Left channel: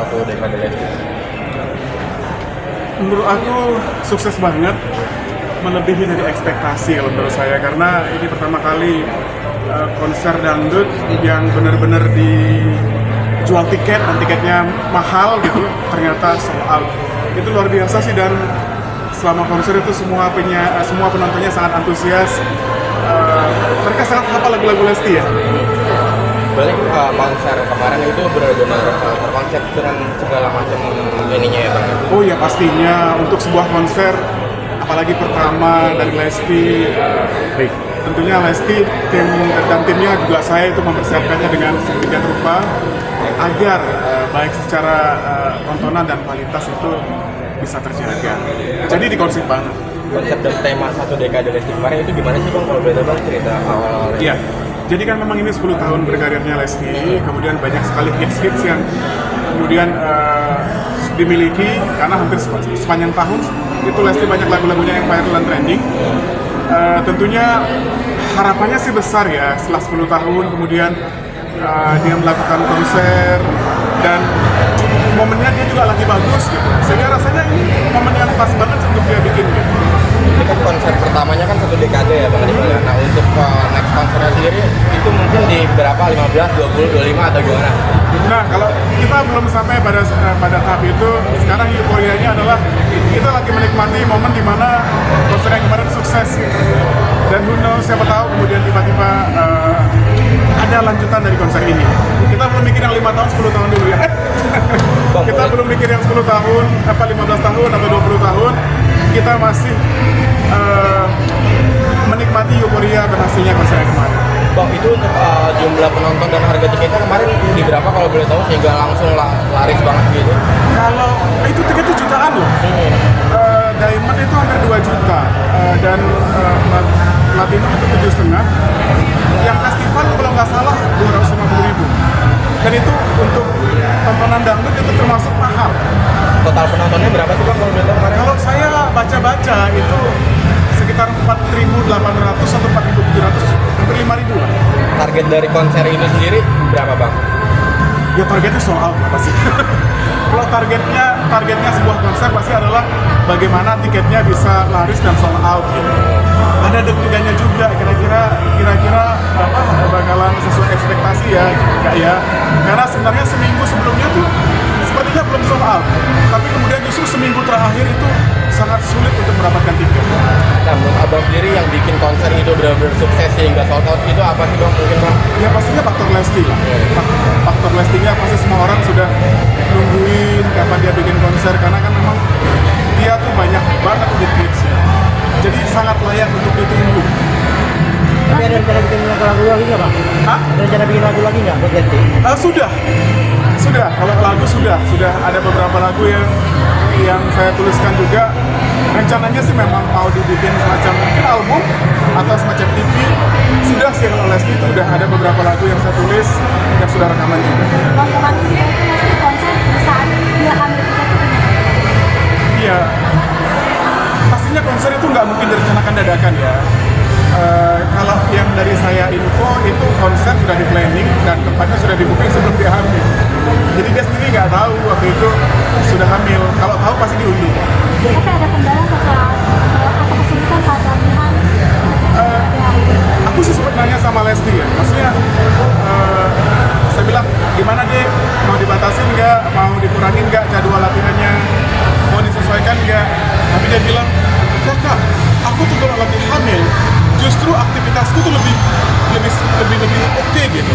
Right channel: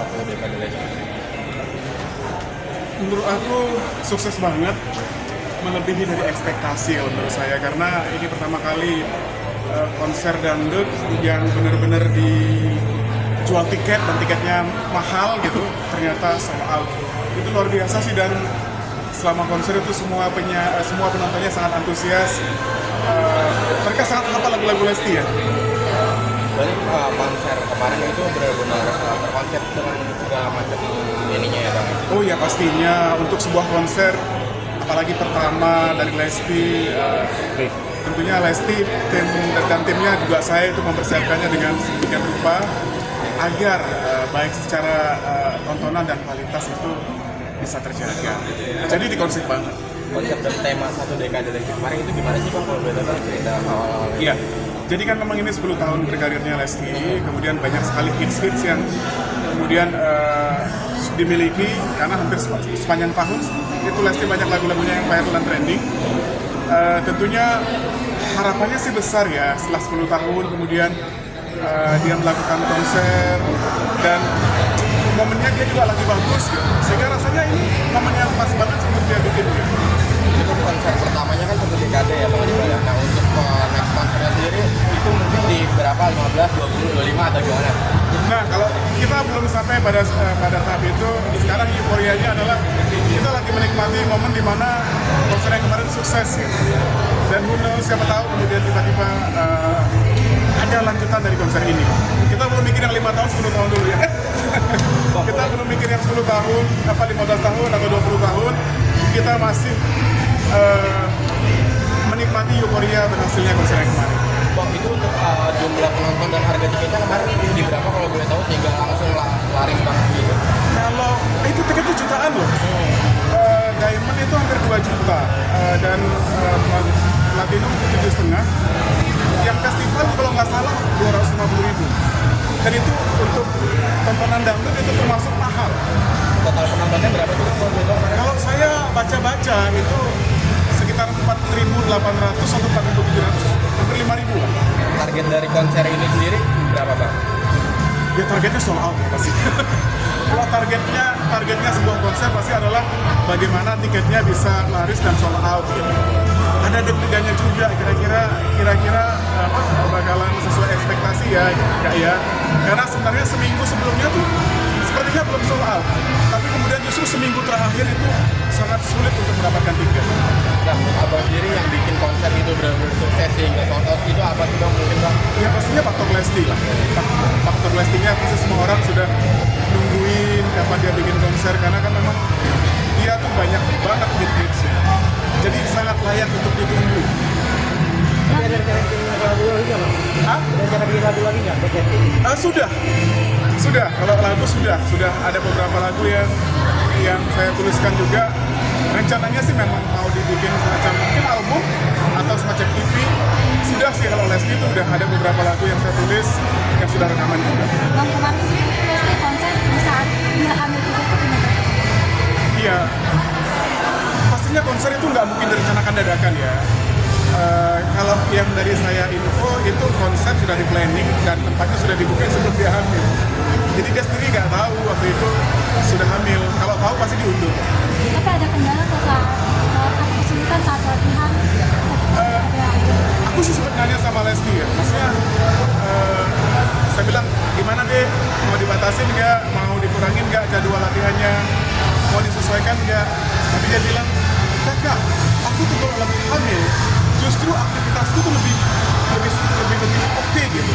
satu dekade Lesti? Menurut aku sukses banget, melebihi dari ekspektasi kalau menurut saya, karena ini pertama kali konser dangdut yang benar-benar dijual tiket dan tiketnya mahal gitu, ternyata sold out. Itu luar biasa sih, dan selama konser itu semua penontonnya sangat antusias. Mereka sangat hafal lagu-lagu Lesti ya. Berarti konser kemarin itu benar-benar terkonsep dengan segala macam ininya ya Bang? Oh ya, pastinya untuk sebuah konser, apalagi pertama dari Lesti, tentunya Lesti dan timnya juga saya itu mempersiapkannya dengan sedemikian rupa agar baik secara tontonan dan kualitas itu bisa terjaga. Jadi dikonsep banget. Konsep dan tema satu dekade Lesti kemarin itu gimana sih Bang, kalau boleh Bang cerita awalnya? Iya, jadi kan memang ini 10 tahun berkarirnya Lesti, kemudian banyak sekali hits-hits yang kemudian dimiliki, karena hampir sepanjang tahun itu Lesti banyak lagu-lagunya yang viral dan trending. Tentunya harapannya sih besar ya, setelah 10 tahun kemudian dia melakukan konser dan momennya dia juga lagi bagus gitu, sehingga rasanya ini momen yang pas banget sih untuk dia bikin gitu. Ini kan konser pertamanya kan satu dekade ya Bang Adibal. Nah untuk next konsernya sendiri itu mungkin di berapa? 15, 20, 25 atau gimana? Nah, kalau kita belum sampai pada tahap itu, sekarang euforianya adalah kita lagi menikmati momen di mana konser yang kemarin sukses gitu. Dan who knows, siapa tahu kemudian tiba-tiba ada lanjutan dari konser ini. Kita belum mikir yang 5 tahun, 10 tahun dulu ya. Kita belum mikir yang 10 tahun, 15 tahun atau 20 tahun. Kita masih menikmati euforia berhasilnya konser yang kemarin. Bang, itu untuk jumlah penonton dan harga tiketnya kemarin di berapa kalau boleh tahu, sehingga langsung laris banget gitu? Kalau itu tiketnya jutaan loh. Diamond itu hampir 2 juta, dan Platinum itu 7,5. Yang festival kalau nggak salah 250.000. Dan itu untuk tontonan dangdut itu termasuk mahal. Total penontonnya berapa sih Bang kalau boleh tahu kemarin? Kalau saya baca-baca itu sekitar 4.800 atau 4.700, hampir 5.000. Target dari konser itu sendiri berapa Bang? Ya targetnya sold out ya pasti. Kalau targetnya sebuah konser pasti adalah bagaimana tiketnya bisa laris dan sold out gitu. Ada deg-degannya juga, kira-kira bakalan sesuai ekspektasi ya, enggak ya? Karena sebenarnya seminggu sebelumnya tuh sepertinya belum sold out, tapi kemudian justru seminggu terakhir itu sangat sulit untuk mendapatkan tiket. Nah, menurut Abang sendiri yang bikin konser itu benar-benar sukses sehingga sold out itu apa sih Bang, mungkin Bang? Ya pastinya faktor Lesti. Faktor Lestinya pasti semua orang sudah nungguin kapan dia bikin konser, karena kan memang dia tuh banyak banget hits-hitsnya. Jadi sangat layak untuk ditunggu. Tapi ada rencana bikin lagu lagi nggak Bang? Hah? Ada rencana bikin lagu lagi nggak buat Lesti? Sudah. Kalau lagu sudah ada beberapa lagu yang saya tuliskan juga. Rencananya sih memang mau dibikin semacam mungkin album atau semacam EP. Sudah sih, kalau Lesti itu udah ada beberapa lagu yang saya tulis dan sudah rekaman juga. Bang, kemarin konser saat dia hamil itu Iya, pastinya konser itu nggak mungkin direncanakan dadakan ya. Kalau yang dari saya info itu konser sudah di planning dan tempatnya sudah di booking sebelum dia hamil. Jadi dia sendiri nggak tahu waktu itu sudah hamil. Kalau tahu pasti diundur. tapi ada kendala atau kesulitan saat latihan. Aku sih sempat nanya sama Lesti ya, maksudnya saya bilang gimana dia, mau dibatasin nggak, mau dikurangin nggak jadwal latihannya, mau disesuaikan nggak. Tapi dia bilang, kok aku tuh kalau lagi hamil justru aktivitasku tuh lebih oke gitu,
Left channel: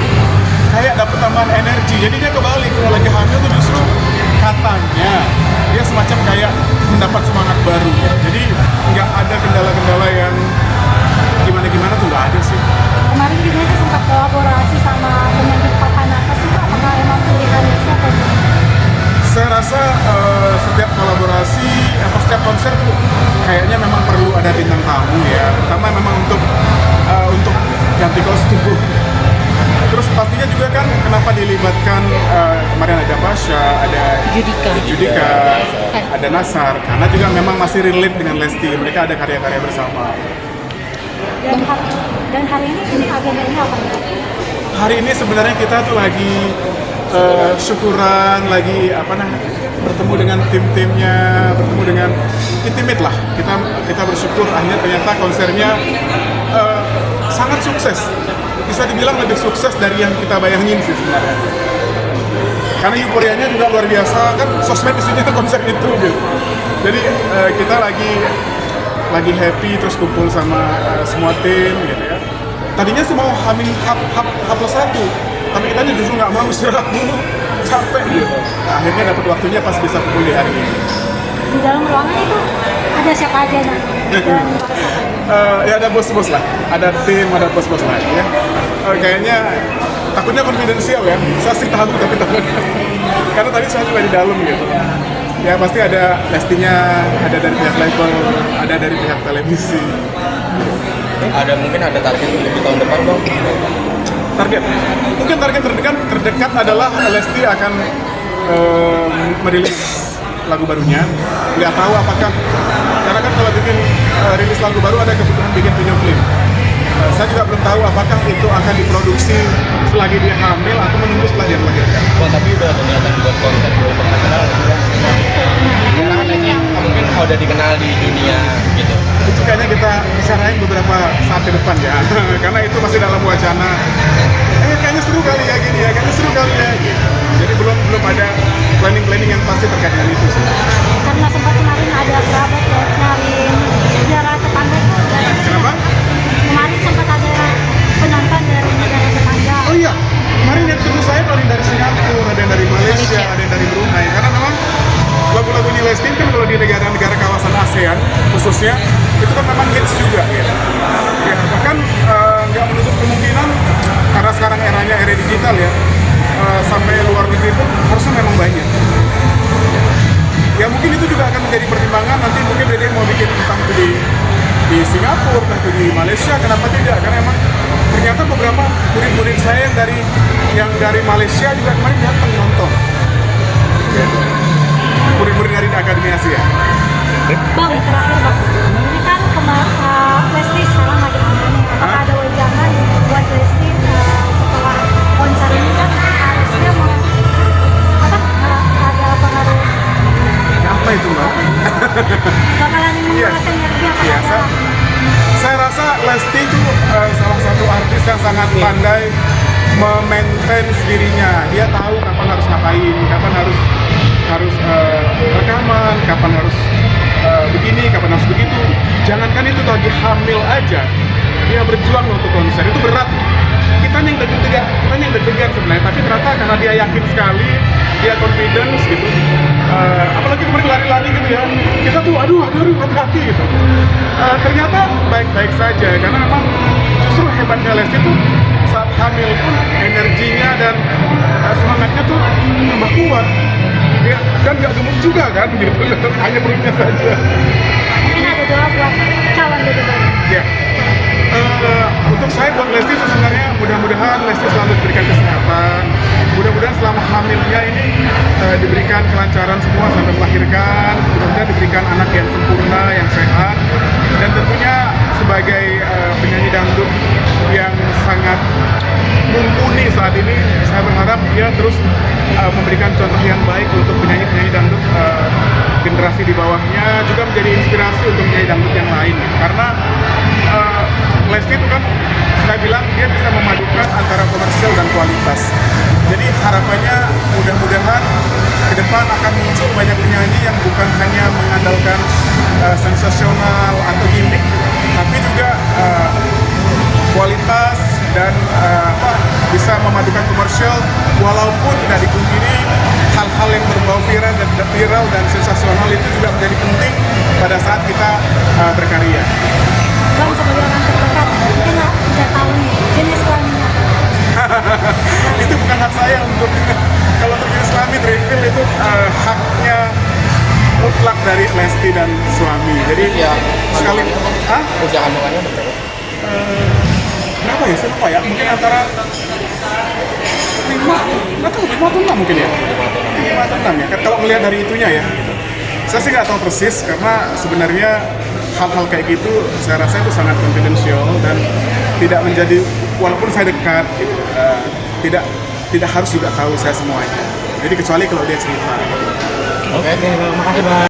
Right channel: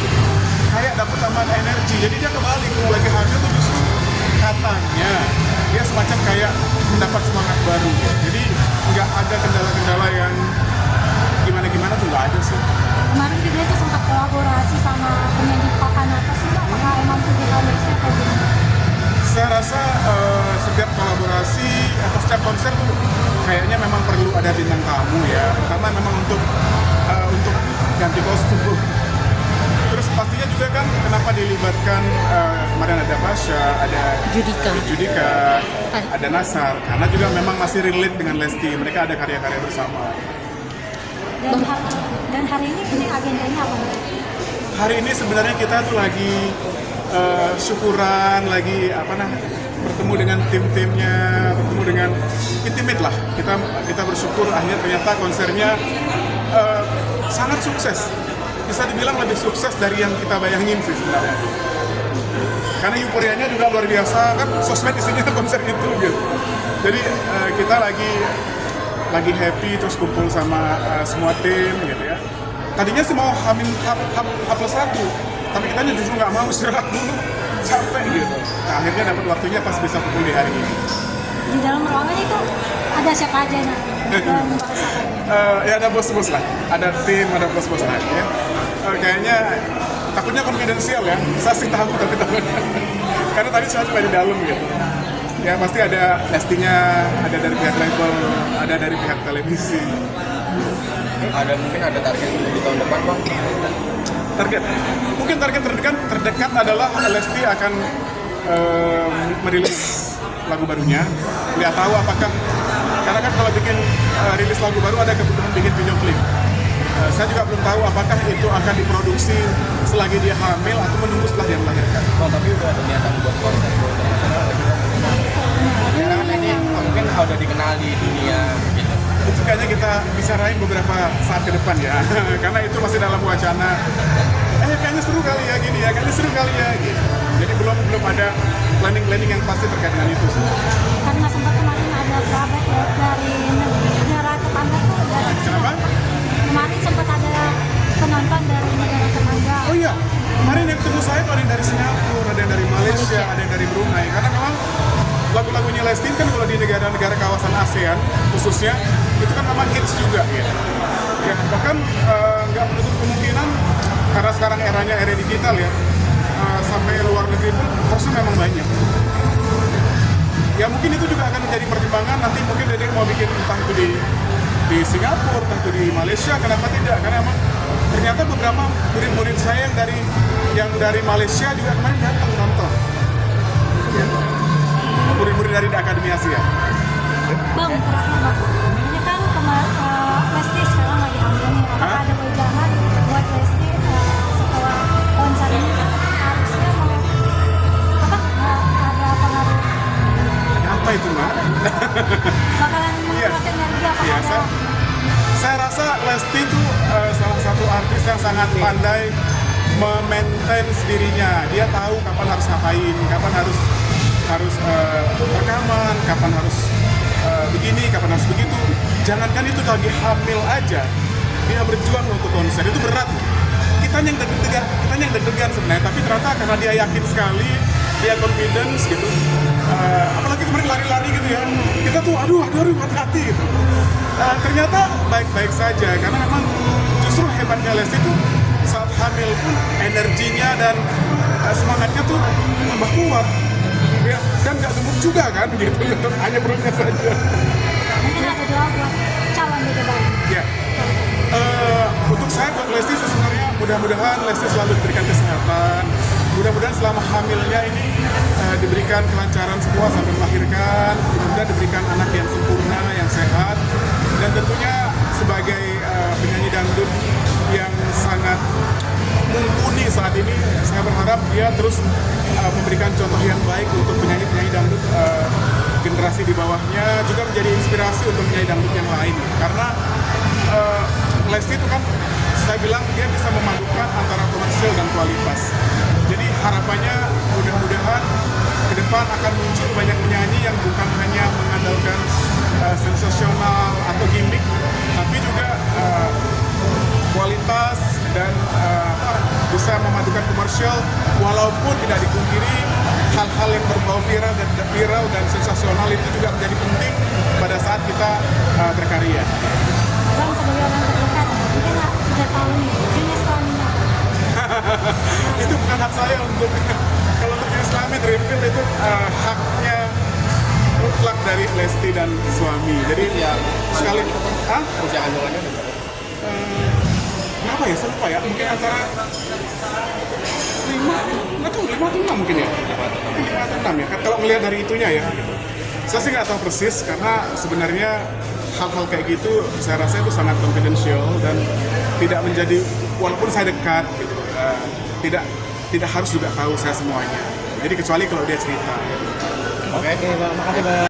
kayak dapet tambahan energi. Jadi dia kebalik, kalau lagi hamil tuh justru katanya dia semacam kayak mendapat semangat baru. Jadi nggak ada kendala-kendala yang gimana tuh, nggak ada sih. Kemarin kita sempat kolaborasi sama penyanyi papan atas itu, apakah emang pilihannya siapa? Saya rasa setiap kolaborasi atau setiap konser tuh kayaknya memang perlu ada bintang tamu ya, karena memang untuk ganti kostum. Terus pastinya juga kan kenapa dilibatkan kemarin ada Basya, ada Judika, ada Nasar, karena juga memang masih relate dengan Lesti, mereka ada karya-karya bersama. Dan hari ini agendanya apa? Hari ini sebenarnya kita tuh lagi syukuran, lagi bertemu dengan tim-timnya, bertemu dengan intimate lah. Kita bersyukur akhirnya ternyata konsernya sangat sukses. Bisa dibilang lebih sukses dari yang kita bayangin sih sebenarnya. Karena euforianya juga luar biasa, kan sosmed isinya konser itu gitu. Jadi kita lagi happy terus kumpul sama semua tim gitu ya. Tadinya sih mau H+1, tapi kita justru nggak mau, istirahat dulu, capek gitu. Nah, akhirnya dapat waktunya pas bisa kumpul di hari ini. Di dalam ruangan itu ada siapa aja nanti? Dan Ya ada bos-bos lah, ada tim, ada bos-bos lah ya. Kayaknya takutnya konfidensial ya, saya sih tahu tapi takut. Karena tadi saya juga di dalam gitu. Ya pasti ada Lestinya, ada dari pihak label, ada dari pihak televisi. Mungkin ada target untuk di tahun depan bang? Target? Mungkin target terdekat adalah Lesti akan merilis lagu barunya. Nggak tahu apakah, karena kan kalau bikin rilis lagu baru ada kebutuhan bikin video klip. Saya juga belum tahu apakah itu akan diproduksi selagi dia hamil atau menunggu setelah dia melahirkan. Bang, tapi udah ada niatan buat konser di internasional nggak sih bang? Karena kan ini mungkin udah dikenal di dunia gitu. Itu kayaknya kita bicarain beberapa saat ke depan ya. Karena itu masih dalam wacana. Kayaknya seru kali kayak gini ya, kayaknya seru kali ya. Gitu. Jadi belum ada planning yang pasti terkait dengan itu sih. karena sempat kemarin ada kerabat ya dari negara tetangga. Kenapa? Kemarin sempat ada penonton dari negara tetangga. Oh iya, kemarin yang ketemu saya ada yang dari Singapura, ada yang dari Malaysia, ada yang dari Brunei. Karena memang lagu-lagunya Lesti kan kalau di negara-negara kawasan ASEAN khususnya itu kan memang hits juga ya. Bahkan nggak menutup kemungkinan karena sekarang era digital ya, sampai luar negeri pun harusnya memang banyak. Ya mungkin itu juga akan menjadi pertimbangan nanti mungkin dia mau bikin entah itu di Singapura, entah itu di Malaysia, kenapa tidak? Karena emang ternyata beberapa murid-murid saya yang dari Malaysia juga kemarin datang nonton. Murid-murid dari Akademi Asia. Bang, terakhir bang, ini kan Lesti sekarang lagi mana nih? Apakah ada wejangan buat Lesti setelah konser ini kan harusnya ada pengaruh? Apa itu mbak? Bakalan menguras energi apa Iya, ada? saya rasa Lesti itu salah satu artis yang sangat pandai memaintain dirinya. Dia tahu kapan harus ngapain, kapan harus rekaman, kapan harus begini, kapan harus begitu. Jangankan itu lagi hamil aja, dia berjuang untuk konser itu berat. Kita yang deg-degan sebenarnya, tapi ternyata karena dia yakin sekali, dia confidence gitu. Apalagi kemarin lari-lari gitu ya, kita tuh aduh hati-hati gitu. Ternyata baik-baik saja, karena memang justru hebatnya Lesti itu saat hamil pun energinya dan semangatnya tuh tambah kuat. Ya, dan nggak gemuk juga kan gitu, hanya perutnya saja. Mungkin ada doa buat calon gitu bang. Ya, untuk saya buat Lesti sebenarnya mudah-mudahan Lesti selalu diberikan kesehatan. Mudah-mudahan selama hamilnya ini diberikan kelancaran semua sampai melahirkan. Mudah-mudahan diberikan anak yang sempurna, yang sehat. Dan tentunya sebagai penyanyi dangdut yang sangat mumpuni saat ini, saya berharap dia terus memberikan contoh yang baik untuk penyanyi-penyanyi dangdut generasi di bawahnya, juga menjadi inspirasi untuk penyanyi dangdut yang lain. Karena Lesti itu kan saya bilang dia bisa memadukan antara komersial dan kualitas. Jadi harapannya mudah-mudahan ke depan akan muncul banyak penyanyi yang bukan hanya mengandalkan sensasional atau gimmick, tapi juga kualitas dan bisa memadukan komersial, walaupun tidak dipungkiri hal-hal yang berbau viral dan sensasional itu juga menjadi penting pada saat kita berkarya. Bang, sebagai orang terdekat, mungkin nggak tahu nih jenis kelaminnya. Itu bukan hak saya untuk kalau terjenis kelamin reveal itu haknya mutlak dari Lesti dan suami. Jadi Usia sekali usia kandungannya udah berapa? berapa ya? Saya lupa ya. Mungkin antara 5 atau 6 mungkin ya. 5 atau 6 ya. Kalau melihat dari itunya ya. Saya sih nggak tahu persis karena sebenarnya hal-hal kayak gitu saya rasa itu sangat confidential dan tidak menjadi, walaupun saya dekat gitu, tidak tidak harus juga tahu saya semuanya. Jadi kecuali kalau dia cerita. Oke, Bang, makasih Bang.